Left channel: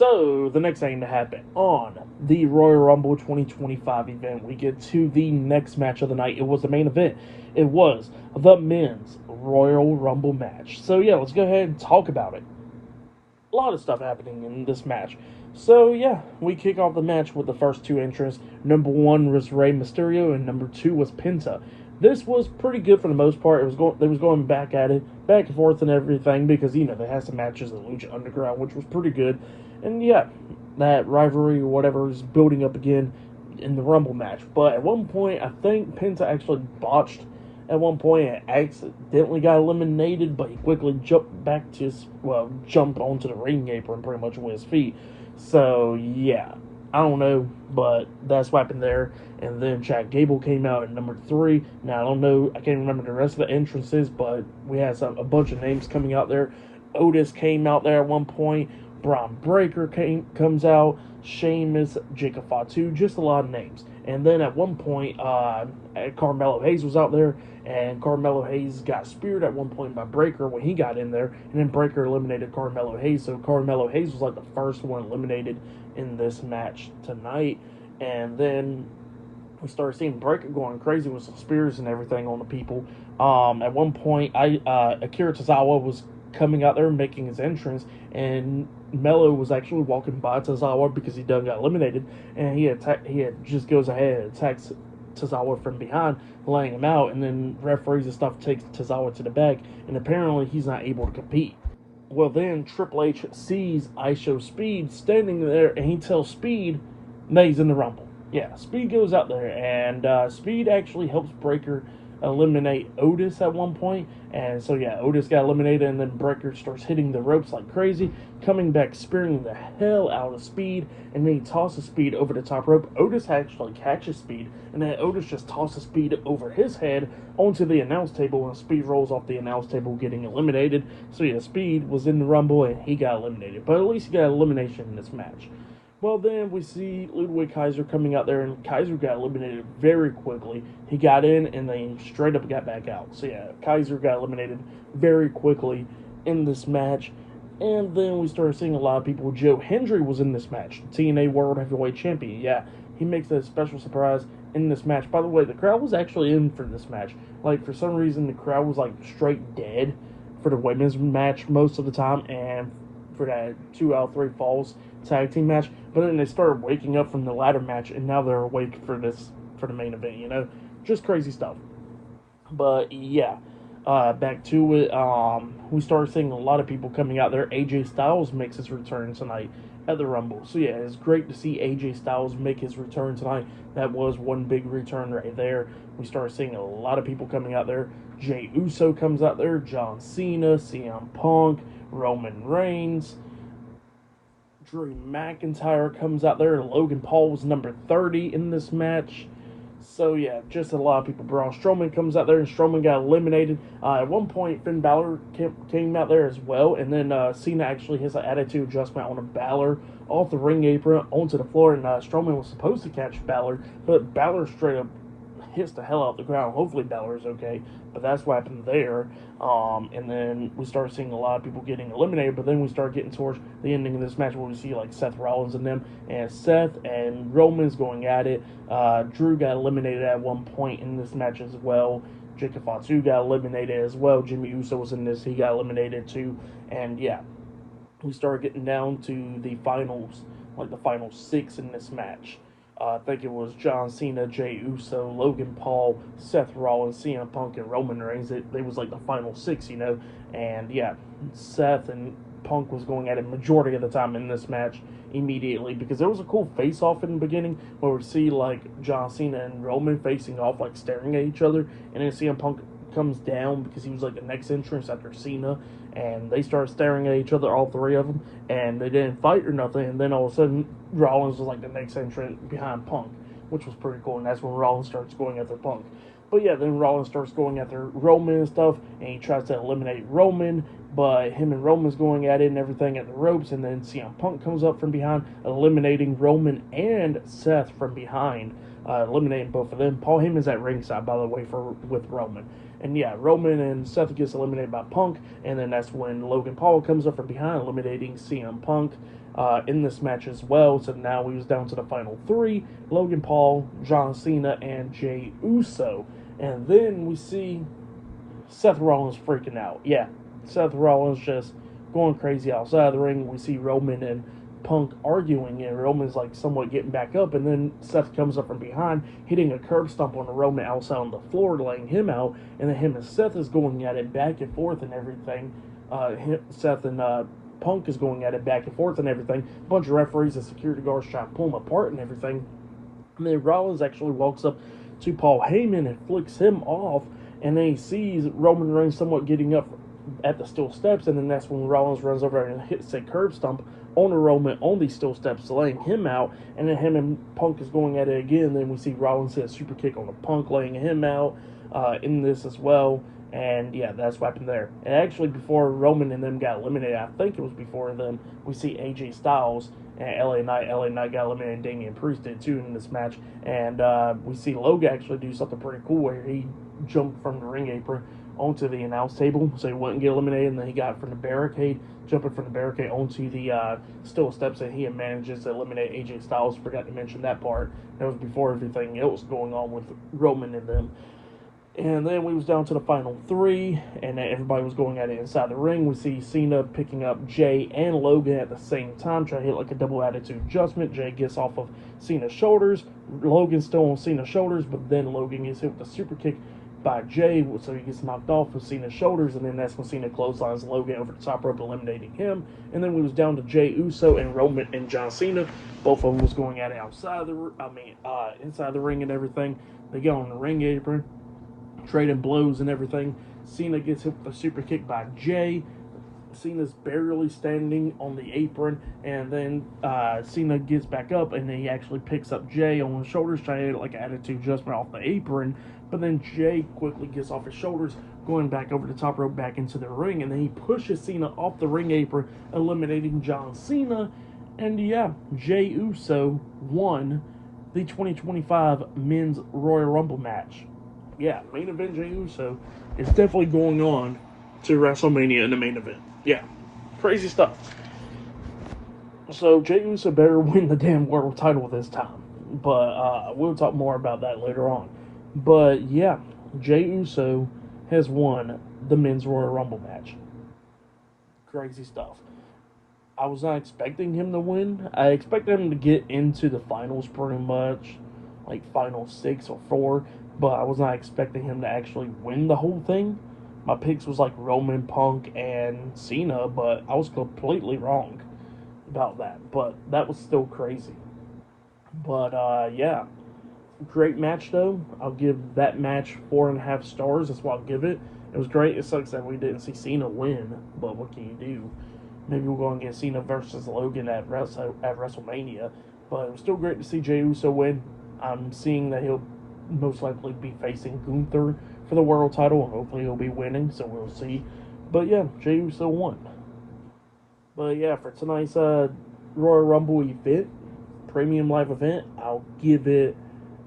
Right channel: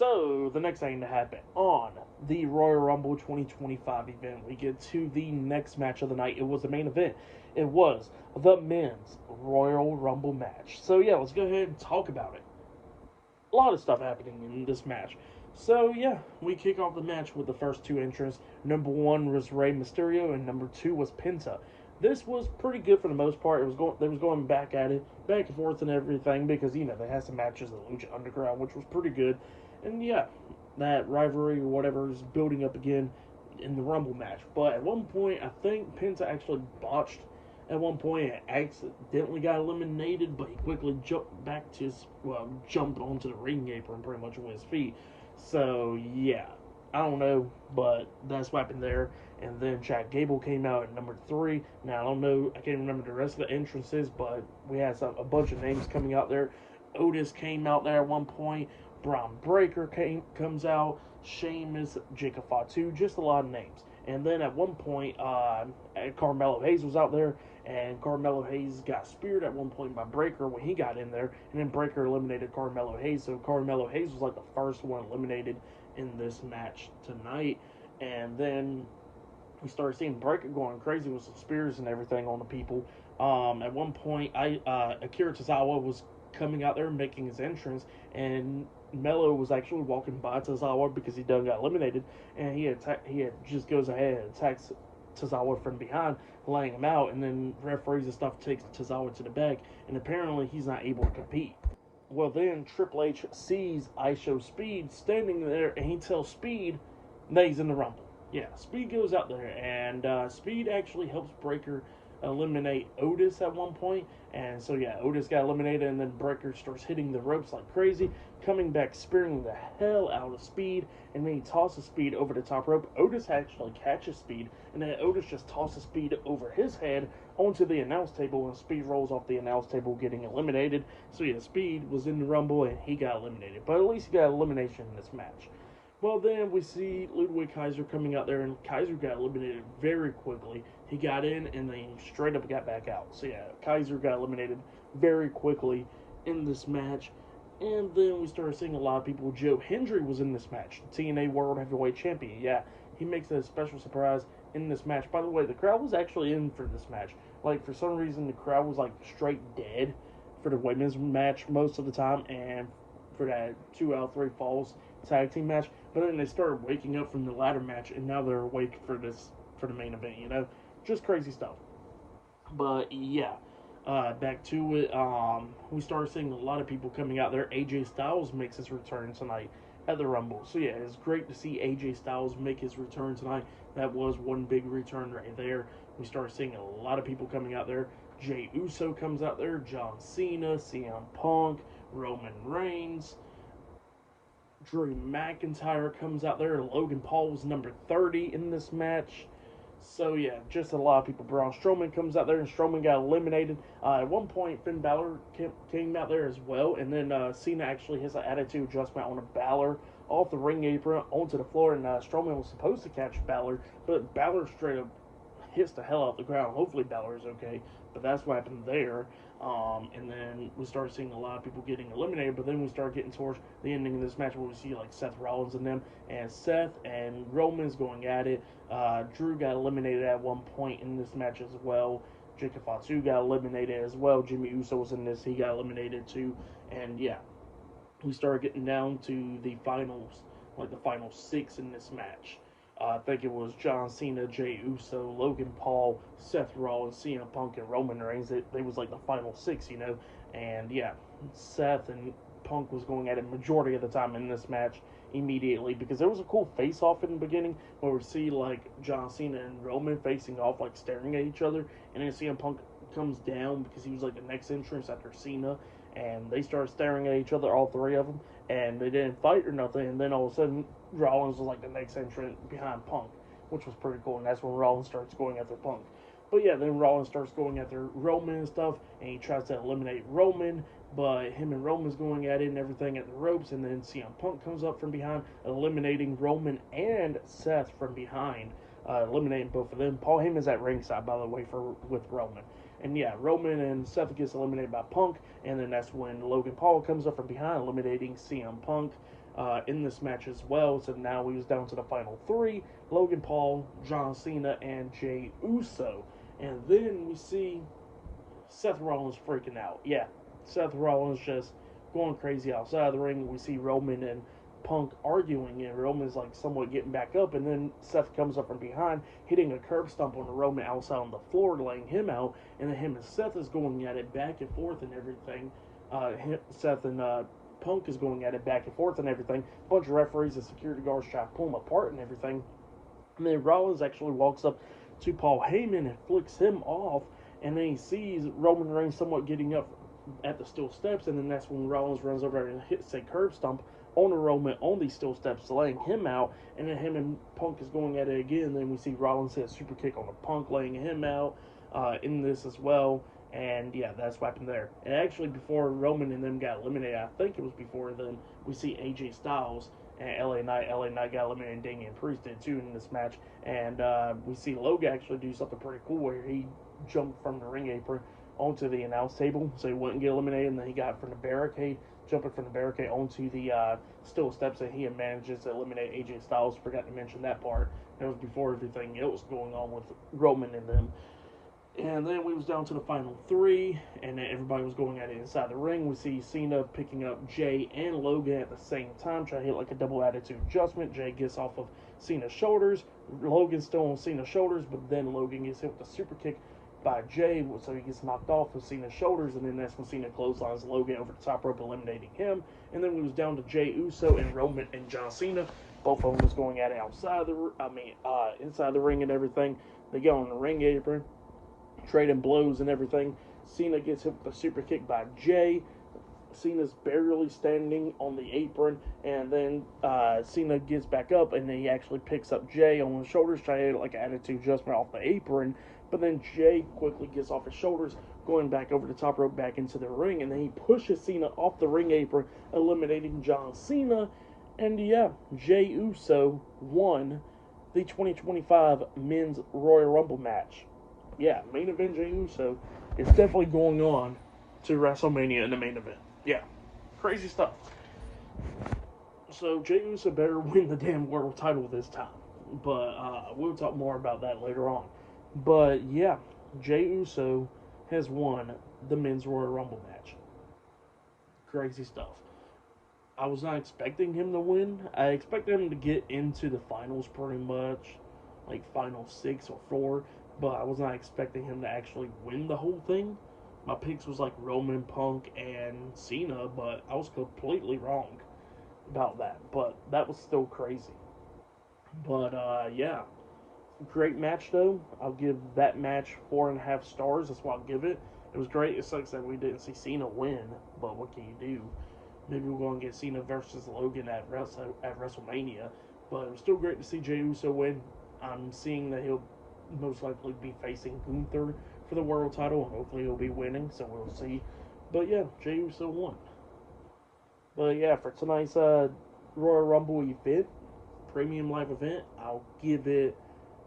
So, the next thing to happen on the Royal Rumble 2025 event, we get to the next match of the night. It was the main event. It was the men's Royal Rumble match. So, yeah, let's go ahead and talk about it. A lot of stuff happening in this match. So, yeah, we kick off the match with the first two entrants. Number one was Rey Mysterio, and number two was Penta. This was pretty good for the most part. They was going back at it, back and forth and everything because they had some matches in Lucha Underground, which was pretty good. And yeah, that rivalry or whatever is building up again in the Rumble match. But at one point, I think Penta actually botched at one point and accidentally got eliminated, but he quickly jumped onto the ring apron pretty much with his feet. So yeah, I don't know, but that's what happened there. And then Chad Gable came out at number three. Now I don't know, I can't remember the rest of the entrances, but we had a bunch of names coming out there. Otis came out there at one point. Braun Breaker comes out. Sheamus, Jacob Fatu, just a lot of names. And then at one point, Carmelo Hayes was out there, and Carmelo Hayes got speared at one point by Breaker when he got in there, and then Breaker eliminated Carmelo Hayes. So Carmelo Hayes was like the first one eliminated in this match tonight. And then we started seeing Breaker going crazy with some spears and everything on the people. At one point, Akira Tozawa was coming out there making his entrance, and Mello was actually walking by Tozawa because he done got eliminated, and he just goes ahead and attacks Tozawa from behind, laying him out, and then referees and stuff takes Tozawa to the back, and apparently he's not able to compete. Well, then Triple H sees ISO Speed standing there, and he tells Speed that he's in the Rumble. Yeah, Speed goes out there, and Speed actually helps Breaker eliminate Otis at one point. And so, yeah, Otis got eliminated, and then Breaker starts hitting the ropes like crazy, coming back, spearing the hell out of Speed, and then he tosses Speed over the top rope. Otis actually catches Speed, and then Otis just tosses Speed over his head onto the announce table, and Speed rolls off the announce table, getting eliminated. So, yeah, Speed was in the Rumble, and he got eliminated. But at least he got elimination in this match. Well, then we see Ludwig Kaiser coming out there, and Kaiser got eliminated very quickly. He got in, and then straight up got back out. So, yeah, Kaiser got eliminated very quickly in this match. And then we started seeing a lot of people. Joe Hendry was in this match, TNA World Heavyweight Champion. Yeah, he makes a special surprise in this match. By the way, the crowd was actually in for this match. Like, for some reason, the crowd was, like, straight dead for the women's match most of the time, and for that 2 out of 3 falls tag team match. But then they started waking up from the ladder match, and now they're awake for the main event. Just crazy stuff. But yeah, back to it. We started seeing a lot of people coming out there. AJ Styles makes his return tonight at the Rumble. So yeah, it's great to see AJ Styles make his return tonight. That was one big return right there. We started seeing a lot of people coming out there. Jey Uso comes out there. John Cena, CM Punk, Roman Reigns. Drew McIntyre comes out there. Logan Paul was number 30 in this match. So, yeah, just a lot of people. Braun Strowman comes out there, and Strowman got eliminated. At one point, Finn Balor came out there as well, and then Cena actually hits an attitude adjustment on a Balor off the ring apron onto the floor, and Strowman was supposed to catch Balor, but Balor straight up hits the hell out the ground. Hopefully Balor's okay, but that's what happened there. And then we started seeing a lot of people getting eliminated, but then we started getting towards the ending of this match where we see like Seth Rollins and them, and Seth and Roman's going at it. Drew got eliminated at one point in this match as well. Jacob Fatu got eliminated as well. Jimmy Uso was in this, he got eliminated too. And yeah, we started getting down to the finals, like the final 6 in this match. I think it was John Cena, Jey Uso, Logan Paul, Seth Rollins, CM Punk, and Roman Reigns. They was like the final 6, And yeah, Seth and Punk was going at it majority of the time in this match immediately, because there was a cool face-off in the beginning where we see like John Cena and Roman facing off, like staring at each other, and then CM Punk comes down because he was like the next entrance after Cena, and they started staring at each other, all 3 of them, and they didn't fight or nothing. And then all of a sudden Rollins was like the next entrant behind Punk, which was pretty cool. And that's when Rollins starts going after Punk. But yeah, then Rollins starts going after Roman and stuff, and he tries to eliminate Roman, but him and Roman's going at it and everything at the ropes, and then CM Punk comes up from behind, eliminating Roman and Seth from behind, eliminating both of them. Paul Heyman's at ringside, by the way, with Roman. And yeah, Roman and Seth gets eliminated by Punk, and then that's when Logan Paul comes up from behind, eliminating CM Punk. in this match as well. So now we was down to the final three: Logan Paul, John Cena, and Jey Uso. And then we see Seth Rollins freaking out. Yeah, Seth Rollins just going crazy outside the ring. We see Roman and Punk arguing, and Roman's like somewhat getting back up, and then Seth comes up from behind, hitting a curb stomp on Roman outside on the floor, laying him out, and then him and Seth is going at it back and forth and everything. Seth and Punk is going at it back and forth and everything. A bunch of referees and security guards try to pull them apart and everything. And then Rollins actually walks up to Paul Heyman and flicks him off, and then he sees Roman Reigns somewhat getting up at the steel steps, and then that's when Rollins runs over and hits a curb stomp on Roman on these steel steps, laying him out, and then him and Punk is going at it again. Then we see Rollins hit a super kick on the Punk, laying him out in this as well. And yeah, that's what happened there. And actually, before Roman and them got eliminated, I think it was before them, we see AJ Styles and LA Knight. LA Knight got eliminated, Damian Priest did too in this match. And we see Logan actually do something pretty cool where he jumped from the ring apron onto the announce table so he wouldn't get eliminated, and then he got from the barricade, jumping from the barricade onto the steel steps, and he manages to eliminate AJ Styles. Forgot to mention that part. That was before everything else going on with Roman and them. And then we was down to the final three, and everybody was going at it inside the ring. We see Cena picking up Jey and Logan at the same time, trying to hit like a double attitude adjustment. Jey gets off of Cena's shoulders. Logan's still on Cena's shoulders, but then Logan gets hit with a super kick by Jey, so he gets knocked off of Cena's shoulders, and then that's when Cena clotheslines Logan over the top rope, eliminating him. And then we was down to Jey Uso and Roman and John Cena. Both of them was going at it inside the ring and everything. They go on the ring apron, trading blows and everything. Cena gets hit with a super kick by Jey. Cena's barely standing on the apron, and then Cena gets back up, and then he actually picks up Jey on his shoulders, trying to get like an attitude adjustment off the apron. But then Jey quickly gets off his shoulders, going back over the top rope, back into the ring, and then he pushes Cena off the ring apron, eliminating John Cena. And yeah, Jey Uso won the 2025 Men's Royal Rumble match. Yeah, main event Jey Uso is definitely going on to WrestleMania in the main event. Yeah, crazy stuff. So Jey Uso better win the damn world title this time. But we'll talk more about that later on. But yeah, Jey Uso has won the Men's Royal Rumble match. Crazy stuff. I was not expecting him to win. I expected him to get into the finals pretty much, like final 6 or 4. But I was not expecting him to actually win the whole thing. My picks was like Roman, Punk, and Cena, but I was completely wrong about that. But that was still crazy. But yeah, great match though. I'll give that match 4.5 stars. That's what I'll give it. It was great. It sucks that we didn't see Cena win, but what can you do? Maybe we'll go and get Cena versus Logan at WrestleMania. But it was still great to see Jey Uso win. I'm seeing that he'll most likely be facing Gunther for the world title, and hopefully he'll be winning, so we'll see. But yeah, Jey Uso won. But yeah, for tonight's Royal Rumble event, premium live event, I'll give it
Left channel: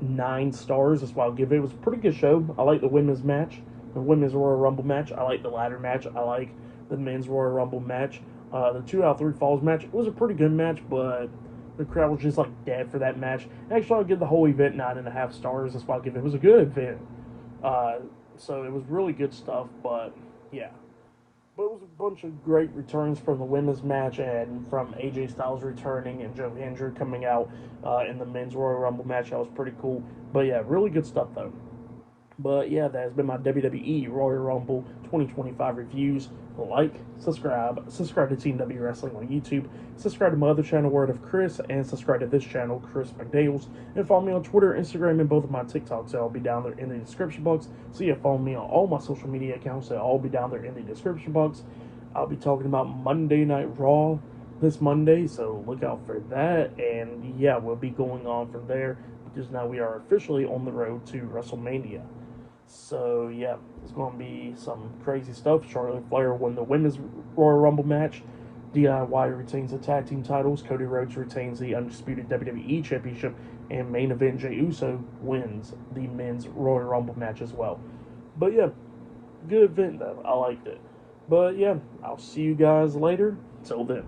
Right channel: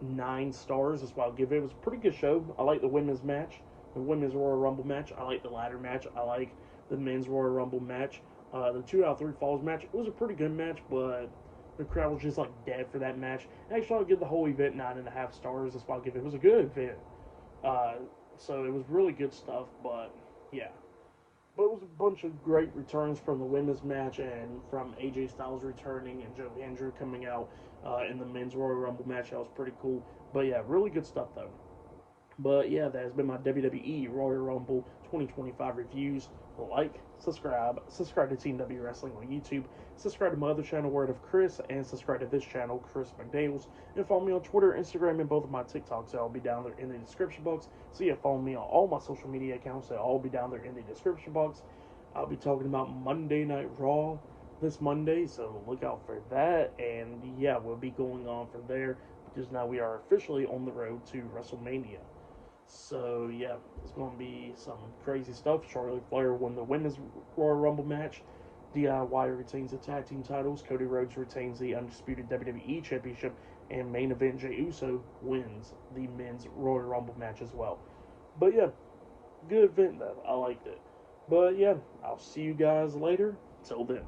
9 stars. That's what I'll give it. It was a pretty good show. I like the women's match, the women's Royal Rumble match. I like the ladder match. I like the men's Royal Rumble match. The 2 out of 3 falls match, it was a pretty good match, but the crowd was just like dead for that match. Actually, I'll give the whole event 9.5 stars. That's why I'll give it. It was a good event. So it was really good stuff, but yeah. But it was a bunch of great returns from the women's match, and from AJ Styles returning and Joe Hendry coming out in the men's Royal Rumble match. That was pretty cool. But yeah, really good stuff though. But yeah, that has been my WWE Royal Rumble 2025 reviews. Like, subscribe to Team W Wrestling on YouTube, subscribe to my other channel, Word of Chris, and subscribe to this channel, Chris McDaniels, and follow me on Twitter, Instagram, and both of my TikToks. They'll all be down there in the description box. So yeah, follow me on all my social media accounts. They'll all be down there in the description box. I'll be talking about Monday Night Raw this Monday, so look out for that. And yeah, we'll be going on from there, because now we are officially on the road to WrestleMania. So yeah, it's going to be some crazy stuff. Charlotte Flair won the women's Royal Rumble match. DIY retains the tag team titles. Cody Rhodes retains the undisputed WWE Championship, and main event Jey Uso wins the men's Royal Rumble match as well. But yeah, good event though. I liked it. But yeah, I'll see you guys later. Till then.